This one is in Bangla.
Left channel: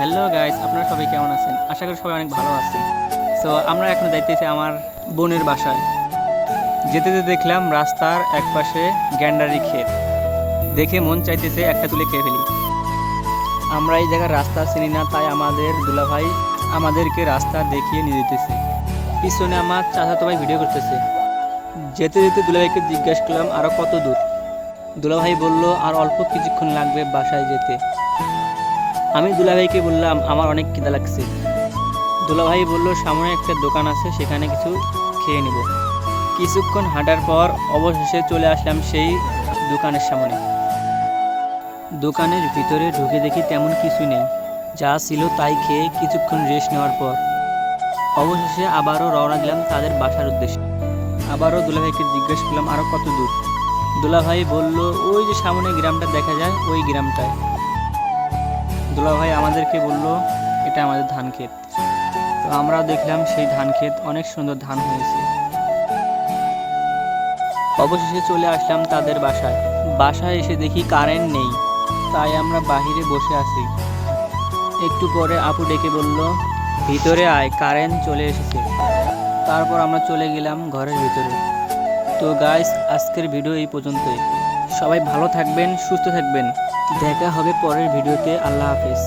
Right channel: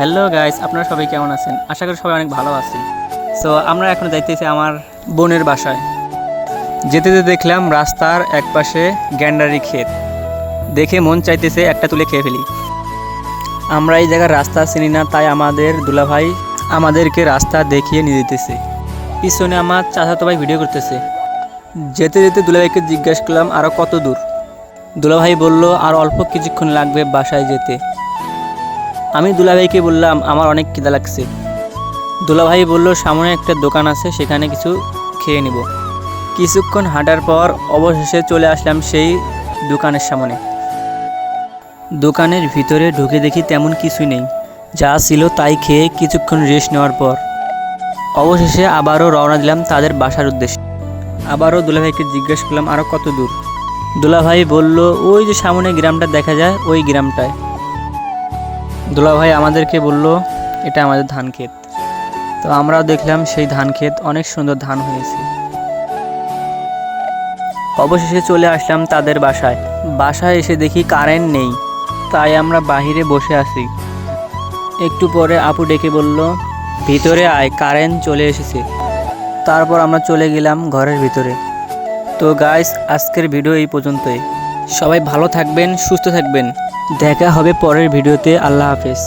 হ্যালো গাইস, আপনারা সবাই কেমন আছেন? আশা করি সবাই অনেক ভালো আছেন। সো আমরা এখন যাইতেছি আমার বোনের বাসায়। যেতে যেতে দেখলাম রাস্তার একপাশে গ্যান্ডারি ক্ষেত। দেখে মন চাইতেছে একটা তুলে খেয়ে ফেলি। আমরা এই জায়গার রাস্তা চিনি না, তাই আমাদের দুলাভাই আমাদেরকে রাস্তা দেখিয়ে নিয়ে যেতেছে। পিছনে আমার চাচাতো ভাই ভিডিও করতেছে। যেতে যেতে দুলাভাইকে জিজ্ঞাসা করলাম আরও কত দূর। দুলাভাই বলল আর অল্প কিছুক্ষণ লাগবে বাসায় যেতে। আমি দুলাভাইকে বললাম আমার অনেক খিদা লাগছে। দুলাভাই বলল সামনে একটা দোকান আছে, সেখানে কিছু খেয়ে নিব। কিছুক্ষণ হাঁটার পর অবশেষে চলে আসলাম সেই দোকানের সামনে। দোকানের ভিতরে ঢুকে দেখি তেমন কিছুই নেই, যা ছিল তাই খেয়ে কিছুক্ষণ রেস্ট নেওয়ার পর অবশেষে আবারও রওনা দিলাম তাদের বাসার উদ্দেশ্যে। আবারও দুলাভাইকে জিজ্ঞেস করলাম আরও কত দূর। দুলাভাই বলল ওই যে সামনে গ্রামটা দেখা যায়, ওই গ্রামটায়। দুলাভাই আমাদেরকে বলল এটা আমাদের ধান ক্ষেত। তো আমরাও দেখলাম সেই ধান ক্ষেত, অনেক সুন্দর ধান হয়েছে। অবশেষে চলে আসলাম তাদের বাসায়। বাসায় এসে দেখি কারেন্ট নেই, তাই আমরা বাহিরে বসে আছি। একটু পরে আপু ডেকে বলল ভিতরে আয়, কারেন্ট চলে এসেছে। তারপর আমরা চলে গেলাম ঘরের ভিতরে। তো গাইস, আজকের ভিডিও এই পর্যন্তই। সবাই ভালো থাকবেন, সুস্থ থাকবেন। দেখা হবে পরের ভিডিওতে। আল্লাহ হাফেজ।